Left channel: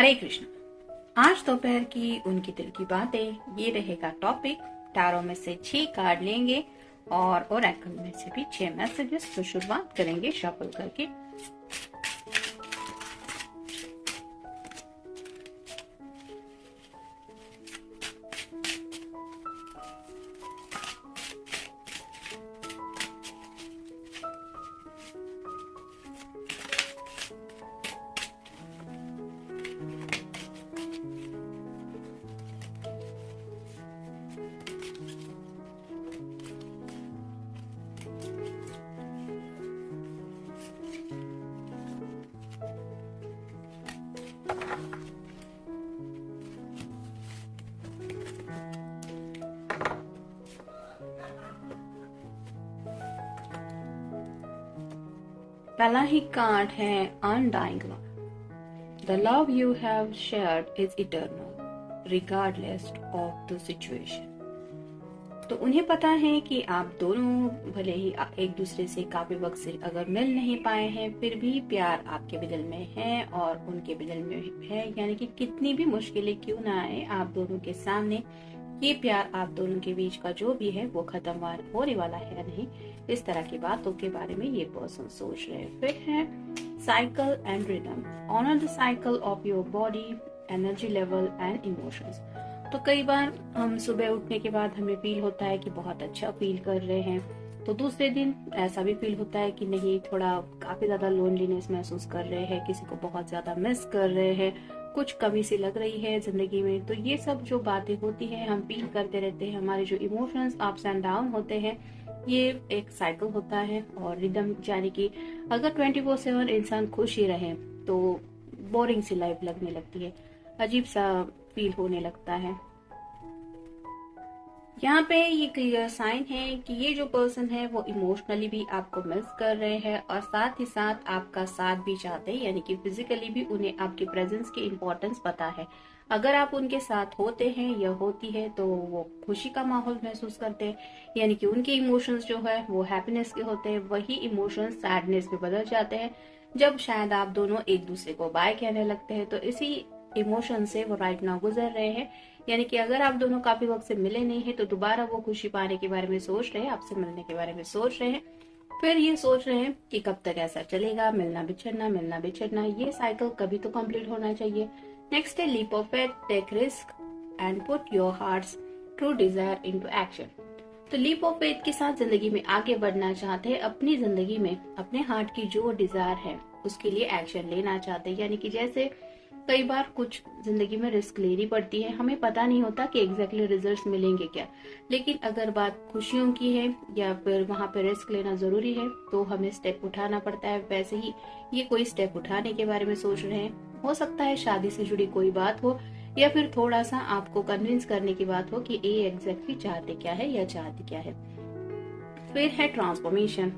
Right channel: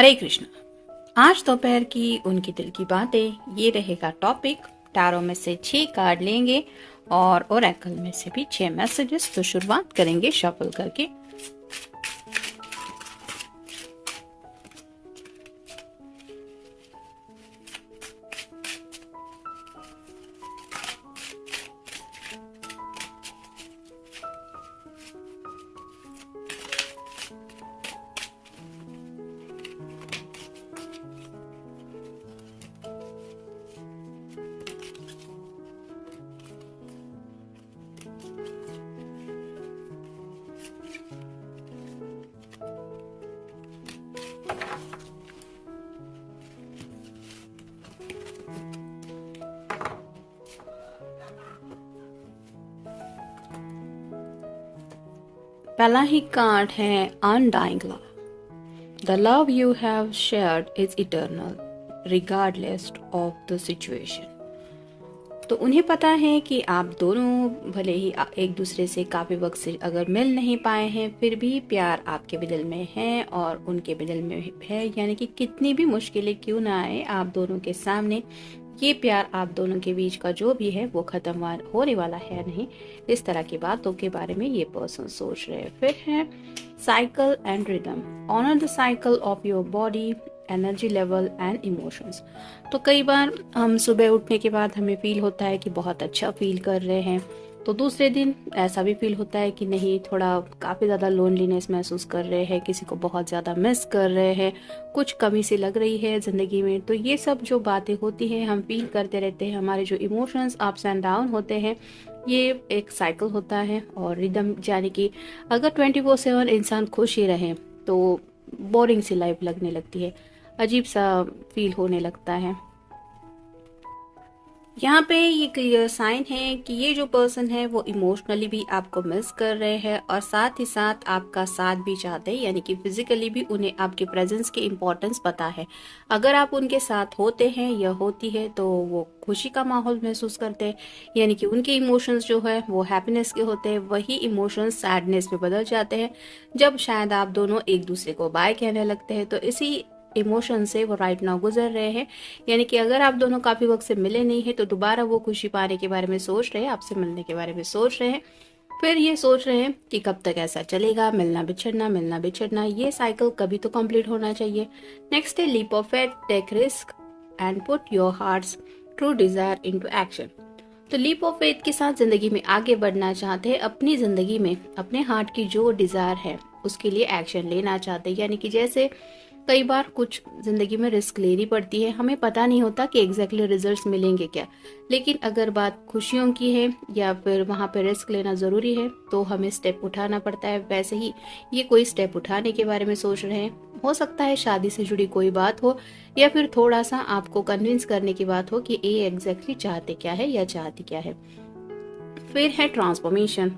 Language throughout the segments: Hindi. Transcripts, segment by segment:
हरे कृष्ण। आज दोपहर की उनकी दिल की बातें, ये रहेगा टॉपिक। टैरो में से 6 कार्ड लेंगे और ओरेकल में से भी 6 मैसेजेस। तो शुरुआत करेंगे शफल करके। पहला ही कार्ड है undying love. The love you have shared is eternal regardless of the situation. तो उन्हें पता है कि आप दोनों भले ही एक दूसरे से काफी वक्त से अगर मिल नहीं पाए हैं, फिर भी प्यार आपके भी दिल में है और उनके भी दिल में है। यानी कि कितनी भी मुश्किलें क्यों ना आए आप दोनों के सामने, ये प्यार आप दोनों के बीच का जो भी है वो खत्म होने वाला है नहीं। इस तरह की बातों के बारे में ये पर्सन सोच रहे हैं। फिर है cycle and rhythm. Honour the cycle of your body, energy level and emotions. तो कई बार हम सुबह उठने के बाद हमें फील होता है कि बहुत अच्छा फील कर रहे हैं, तो दूसरे दिन ऐसा भी फील होता है कि नहीं, थोड़ा काफ़ी ज़्यादा लोनलीनेस महसूस कर रहे हैं, किसी को बहुत ज़्यादा मिस कर रहे हैं, कुछ कमी सी लग रही है ज़िंदगी में। तो ये सब जो बातें होती हैं हम फील करते रहते हैं। हमारे जो इमोशंस अप्स एंड डाउन होते हैं, ये एक साइकिल होता है। और रिदम यानी कि अगर 24/7 इंसान खुश ही रहे तो बोरिंग सी लाइफ लगने लगती है, अजीब सा फील होने लगता है। यहाँ पे ये क्लियर साइन है कि ये जो पर्सन है वो इमोशनली भी आपको मिस कर रहे हैं और साथ ही साथ आपका साथ भी चाहते हैं। यानी कि फिजिकली भी उन्हें आपके प्रेजेंस की इम्पोर्टेंस पता है। अगर आप उनके साथ होते हैं या होती है तो वो खुशी का माहौल महसूस करते हैं। यानी कि उनके इमोशंस जो है वो हैप्पीनेस के होते हैं, वही इमोशंस सैडनेस में बदल जाते हैं जब शायद आप दोनों एक दूसरे को बाय कहने लगते हैं। तो इसी इमोशन से वो राइट नाउ गुजर रहे हैं। यानी कि अगर आप दोनों काफी वक्त से मिले नहीं है तो दोबारा वो खुशी पाने के बारे में सोच रहे हैं, आपसे मिलने के बारे में सोच रहे हैं। फिर ये सोच रहे हैं कि कब तक ऐसा चलेगा, मिलना बिछड़ना, ये साइकिल कभी तो कंप्लीट होना चाहिए। नेक्स्ट है leap of faith. Take risk and put your heart's true desire into action. तो लीप ऑफ फेथ के साथ जिंदगी में आगे बढ़ना चाहते हैं, अपनी जिंदगी में अपने हार्ट की जो डिजायर है उसके लिए एक्शन लेना चाहते हैं। यानी कि जैसे कई बार कुछ जिंदगी में रिस्क लेनी पड़ती है, हमें पता नहीं होता कि एग्जैक्टली रिजल्ट्स मिलेंगे क्या, लेकिन अगर बात खुशियों की है या फिर वहां पे रिस्क लेना जरूरी है तो हमें स्टेप उठाना पड़ता है। वैसे ही ये कोई स्टेप उठाने के बारे में सोच रहे हैं। हो सकता है शादी से जुड़ी कोई बात हो या फिर थोड़ा सा आपको कन्विंस करने की बात हो कि ये एग्जैक्टली चाहते क्या है या चाहती क्या है। फिर है transformation.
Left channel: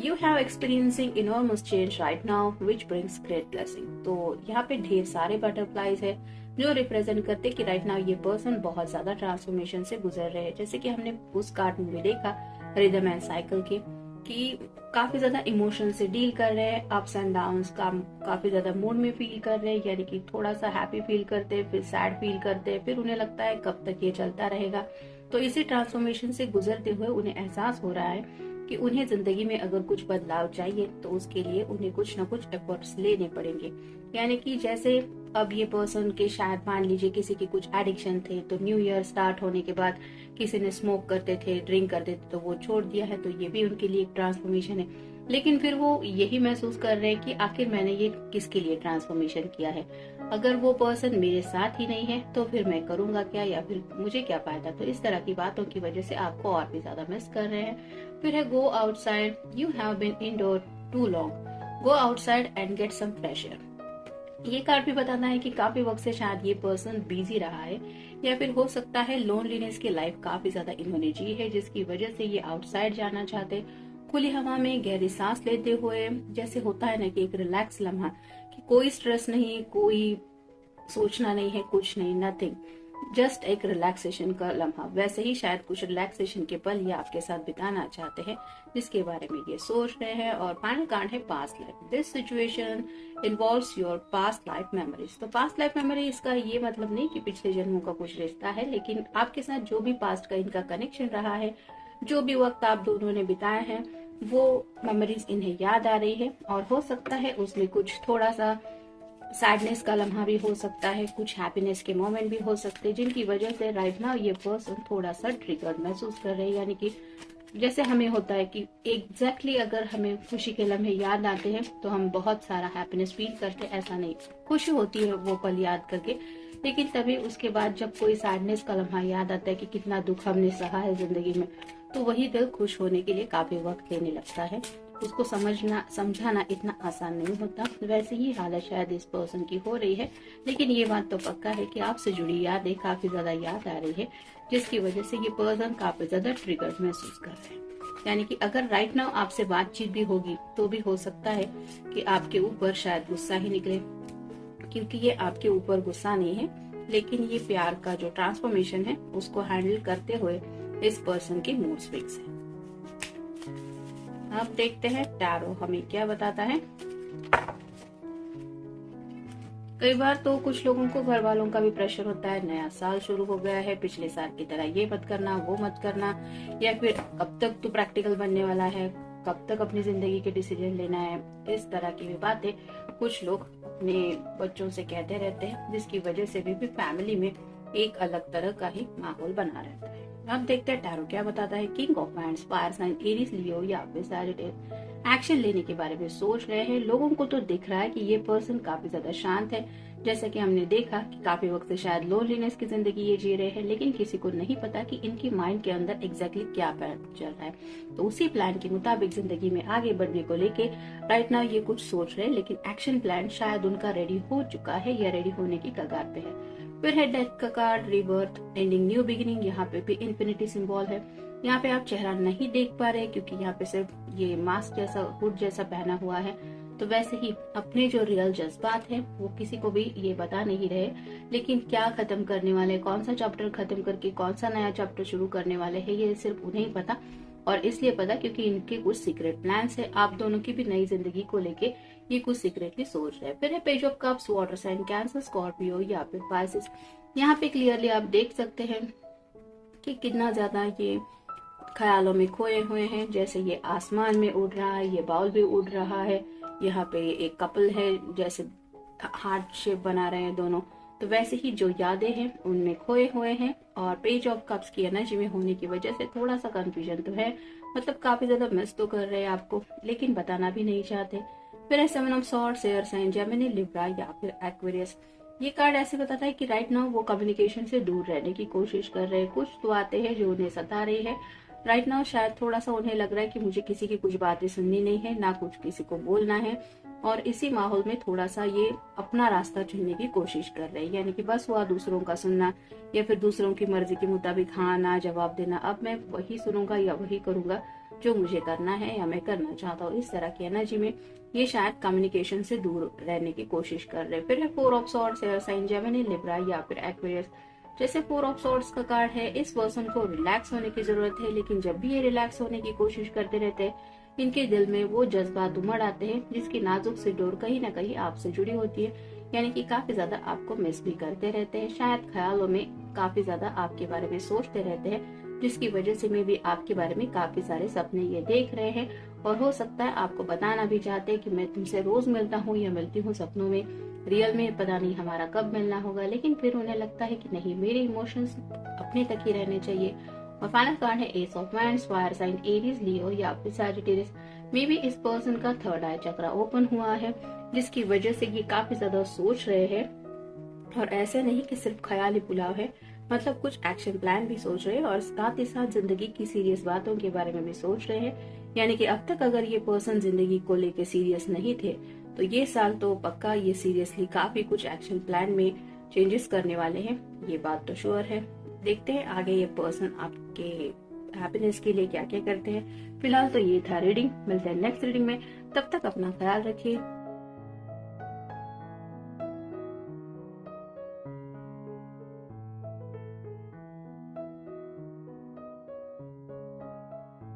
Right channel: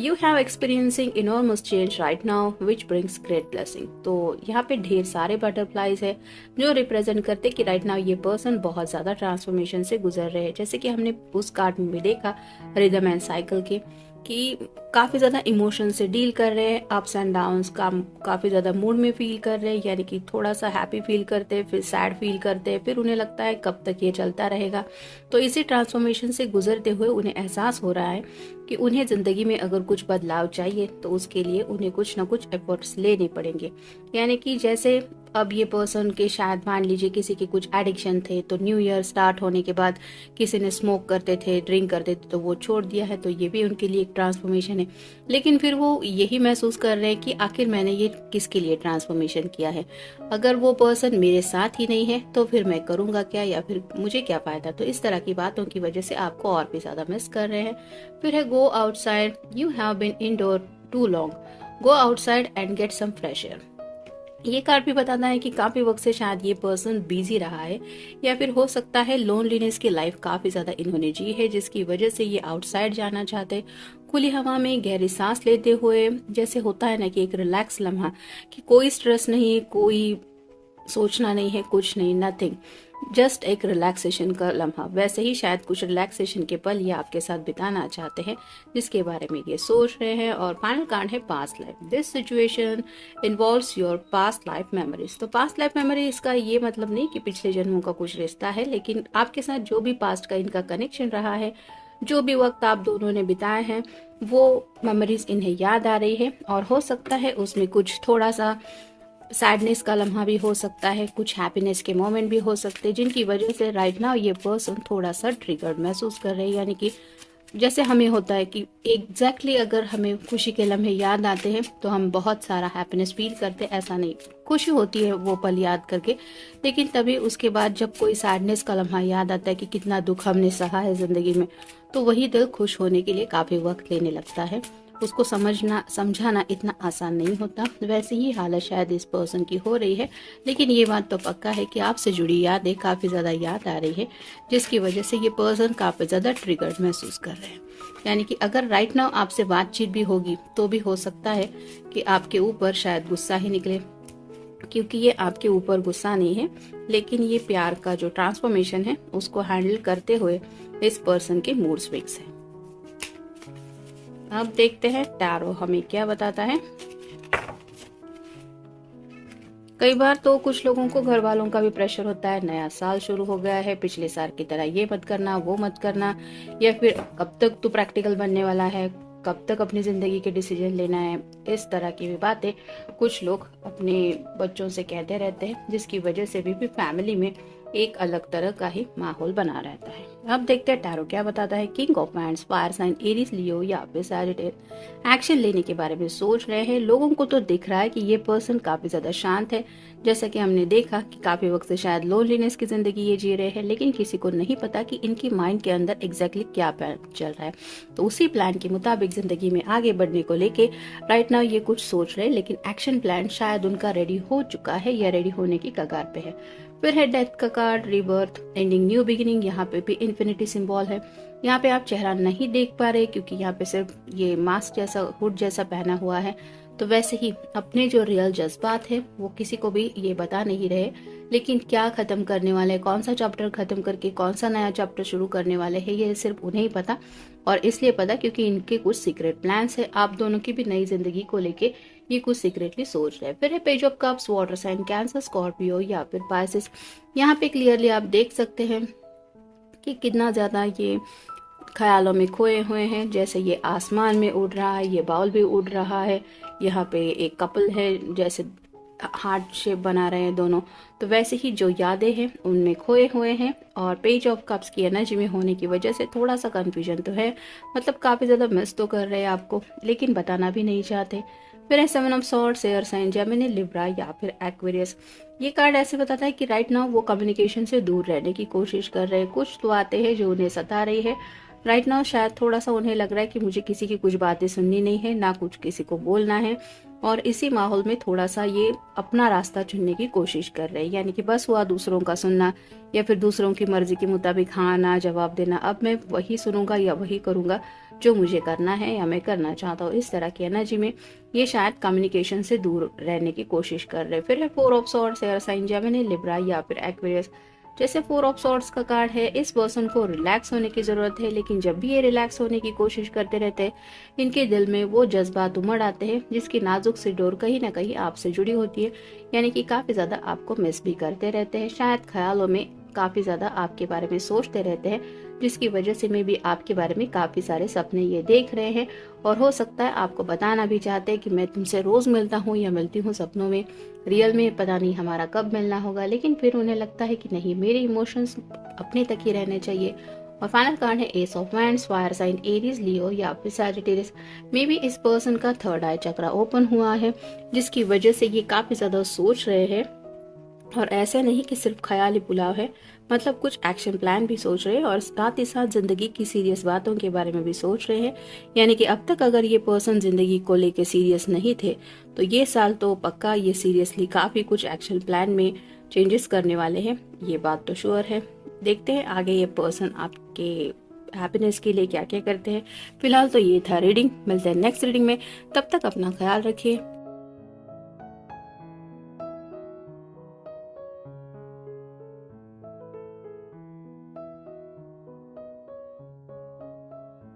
You have experiencing enormous change right now which brings great blessing. तो यहाँ पे ढेर सारे बटरफ्लाईज है जो रिप्रेजेंट करते कि राइट नाउ ये पर्सन बहुत ज्यादा ट्रांसफॉर्मेशन से गुजर रहे हैं। जैसे कि हमने उस कार्ड में भी देखा रिदम एंड साइकिल की कि काफी ज्यादा इमोशन से डील कर रहे हैं, अप्स एंड डाउन्स का काफी ज्यादा मूड में फील कर रहे हैं। यानी कि थोड़ा सा हैप्पी फील करते हैं, फिर सैड फील करते हैं, फिर उन्हें लगता है कब तक ये चलता रहेगा। तो इसी ट्रांसफॉर्मेशन से गुजरते हुए उन्हें एहसास हो रहा है कि उन्हें जिंदगी में अगर कुछ बदलाव चाहिए तो उसके लिए उन्हें कुछ ना कुछ एफर्ट्स लेने पड़ेंगे। यानी कि जैसे अब ये पर्सन के शायद मान लीजिए किसी के कुछ एडिक्शन थे, तो न्यू ईयर स्टार्ट होने के बाद किसी ने स्मोक करते थे, ड्रिंक करते थे, तो वो छोड़ दिया है, तो ये भी उनके लिए एक ट्रांसफॉर्मेशन है। लेकिन फिर वो यही महसूस कर रहे हैं कि आखिर मैंने ये किसके लिए ट्रांसफॉर्मेशन किया है, अगर वो पर्सन मेरे साथ ही नहीं है तो फिर मैं करूंगा क्या या फिर मुझे क्या फायदा। तो इस तरह की बातों की वजह से आपको और भी ज्यादा मिस कर रहे हैं। फिर है go outside. You have been indoor too long, go outside and get some fresh air. ये कार्ड भी बताता है कि काफी वक्त से शायद ये पर्सन बिजी रहा है या फिर हो सकता है लोनलीनेस की लाइफ काफी ज्यादा इन्होंने जी है, जिसकी वजह से ये आउटसाइड जाना चाहते हैं। खुली हवा में गहरी सांस लेते हुए, जैसे होता है ना कि एक रिलैक्स लम्हा, कि कोई स्ट्रेस नहीं, कोई सोचना नहीं है, कुछ नहीं, नथिंग। जस्ट एक रिलैक्सेशन का लम्हा, वैसे ही शायद कुछ रिलैक्सेशन के पल ये आपके साथ बिताना चाहते हैं, जिसके बारे में ये सोच रहे हैं। और फाइनल कार्ड है past life. This situation involves your past life memories. तो पास्ट लाइफ मेमोरी, इसका ये मतलब नहीं कि पिछले जन्मों का कुछ रिश्ता है, लेकिन आपके साथ जो भी पास्ट का इनका कनेक्शन रहा है, जो भी वक्त आप दोनों ने बिताए हैं, वो मेमोरीज इन्हें याद आ रही है। और हो सकता है उसमें कुछ थोड़ा सा सैडनेस का लम्हा भी हो सकता है, कुछ हैप्पीनेस के मोमेंट भी हो सकते हैं, जिनकी वजह से राइट नाउ ये पर्सन थोड़ा सा ट्रिगर्ड महसूस कर रहे हैं। यानी कि जैसे हमें होता है कि एग्जैक्टली अगर हमें खुशी के लम्हे याद आते हैं तो हम बहुत सारा हैप्पीनेस फील करते हैं, ऐसा नहीं, खुशी होती है वो पल याद करके, लेकिन तभी उसके बाद जब कोई सैडनेस का लम्हा याद आता है कि कितना दुख हमने सहा है जिंदगी में, तो वही दिल खुश होने के लिए काफी वक्त लेने लगता है। उसको समझाना इतना आसान नहीं होता। वैसे ही हालत शायद इस पर्सन की हो रही है, लेकिन ये बात तो पक्का है कि आपसे जुड़ी यादें काफ़ी ज़्यादा याद आ रही है, जिसकी वजह से ये पर्सन काफ़ी ज़्यादा ट्रिगर्ड महसूस कर रहे हैं। यानी कि अगर राइट नाउ आपसे बातचीत भी होगी तो भी हो सकता है कि आपके ऊपर शायद गुस्सा ही निकले, क्योंकि ये आपके ऊपर गुस्सा नहीं है, लेकिन ये प्यार का जो ट्रांसफॉर्मेशन है उसको हैंडल करते हुए इस पर्सन के मूड स्विंग्स है। अब देखते हैं टैरो हमें क्या बताता है। कई बार तो कुछ लोगों को घर वालों का भी प्रेशर होता है, नया साल शुरू हो गया है, पिछले साल की तरह ये मत करना, वो मत करना, या फिर कब तक तू प्रैक्टिकल बनने वाला है, कब तक अपनी जिंदगी के डिसीजन लेना है। इस तरह की भी बातें कुछ लोग अपने बच्चों से कहते रहते हैं, जिसकी वजह से भी फैमिली में एक अलग तरह का ही माहौल बना रहता है। अब देखते हैं टैरो क्या बताता है। King of wands, fire sign, Aries, Leo या फिर सैजिटेरियस एक्शन लेने के बारे में सोच रहे हैं। लोगों को तो दिख रहा है कि ये पर्सन काफी ज्यादा शांत है, जैसा कि हमने देखा कि काफी वक्त से शायद लोनलीनेस की जिंदगी ये जी रहे हैं, लेकिन किसी को नहीं पता कि इनकी माइंड के अंदर एग्जैक्टली क्या प्लान चल रहा है। तो उसी प्लान के मुताबिक जिंदगी में आगे बढ़ने को लेके राइट नाउ ये कुछ सोच रहे हैं, लेकिन एक्शन प्लान शायद उनका रेडी हो चुका है या रेडी होने की कगार पे है। फिर है डेथ का card, rebirth, ending, new beginning. यहाँ पे भी इन्फिनिटी सिंबल है। यहाँ पे आप चेहरा नहीं देख पा रहे क्योंकि यहाँ पे सिर्फ ये मास्क जैसा, हुड जैसा पहना हुआ है। तो वैसे ही अपने जो रियल जज्बात है वो किसी को भी ये बता नहीं रहे, लेकिन क्या खत्म करने वाले, कौन सा चैप्टर खत्म करके कौन सा नया चैप्टर शुरू करने वाले हैं, ये सिर्फ उन्हें ही पता। और इसलिए पता क्योंकि इनके कुछ सीक्रेट प्लान्स है आप दोनों की भी नई जिंदगी को लेके, ये कुछ सीक्रेटली सोच रहे हैं। फिर page of cups, water sign, Cancer, Scorpio या फिर पाइसेस। यहाँ पे क्लियरली आप देख सकते हैं कि कितना ज्यादा ये ख्यालों में खोए हुए हैं। जैसे ये आसमान में उड़ रहा है, ये बाउल भी उड़ रहा है, यहाँ पे एक कपल है, जैसे हार्ट शेप बना रहे हैं दोनों। तो वैसे ही जो यादें हैं उनमें खोए हुए हैं। और पेज ऑफ कप्स की एनर्जी में होने की वजह से थोड़ा सा कंफ्यूजन तो है, मतलब काफी ज्यादा मिस तो कर रहे हैं आपको, लेकिन बताना भी नहीं चाहते। फिर है seven of swords, air sign, Gemini, Libra या फिर एक्वेरियस। ये कार्ड ऐसे बताता है कि राइट नाउ वो कम्युनिकेशन से दूर रहने की कोशिश कर रहे हैं। कुछ तो आते हैं जो उन्हें सता रही है राइट नाउ। शायद थोड़ा सा उन्हें लग रहा है कि मुझे किसी की कुछ बातें सुननी नहीं है, ना कुछ किसी को बोलना है, और इसी माहौल में थोड़ा सा ये अपना रास्ता चुनने की कोशिश कर रहे हैं। यानी कि बस हुआ दूसरों का सुनना या फिर दूसरों की मर्जी के मुताबिक हाँ ना जवाब देना। अब मैं वही सुनूंगा या वही करूंगा जो मुझे करना है या मैं करना चाहता हूँ। इस तरह की एनर्जी में ये शायद कम्युनिकेशन से दूर रहने की कोशिश कर रहे हैं। फिर है four of swords, air sign, Gemini, Libra या फिर एक्वेरियस। जैसे फोर ऑफ सॉर्ड्स का कार्ड है, इस पर्सन को रिलैक्स होने की जरूरत है, लेकिन जब भी ये रिलैक्स होने की कोशिश करते रहते हैं, इनके दिल में वो जज्बात उमड़ आते हैं जिसकी नाजुक सी डोर कहीं ना कहीं आपसे जुड़ी होती है। यानी कि काफी ज्यादा आपको मिस भी करते रहते हैं, शायद ख्यालों में काफी ज्यादा आपके बारे में सोचते रहते हैं, जिसकी वजह से मैं भी आपके बारे में काफी सारे सपने ये देख रहे हैं। और हो सकता है आपको बताना भी चाहते हैं कि मैं तुमसे रोज मिलता हूँ या मिलती हूँ सपनों में, रियल में पता नहीं हमारा कब मिलना होगा। लेकिन फिर उन्हें लगता है कि नहीं, मेरे इमोशंस अपने तक ही रहने चाहिए। और फाइनल कार्ड है ace of wands, fire sign, Aries, Leo या फिर सैजिटेरियस। मे बी इस पर्सन का थर्ड आई चक्रा ओपन हुआ है, जिसकी वजह से ये काफी ज्यादा सोच रहे हैं। और ऐसा नहीं कि सिर्फ ख्याली पुलाव है, मतलब कुछ एक्शन प्लान भी सोच रहे हैं और साथ ही साथ जिंदगी की सीरियस बातों के बारे में भी सोच रहे हैं। यानी कि अब तक अगर ये पर्सन जिंदगी को लेके सीरियस नहीं थे, तो ये साल तो पक्का ये सीरियसली काफी कुछ एक्शन प्लान में चेंजेस करने वाले हैं, ये बात तो श्योर है। देखते हैं आगे ये पर्सन आपके हैप्पीनेस के लिए क्या क्या करते हैं। फिलहाल तो ये था रीडिंग, मिलते हैं नेक्स्ट रीडिंग में, तब तक अपना ख्याल रखिए।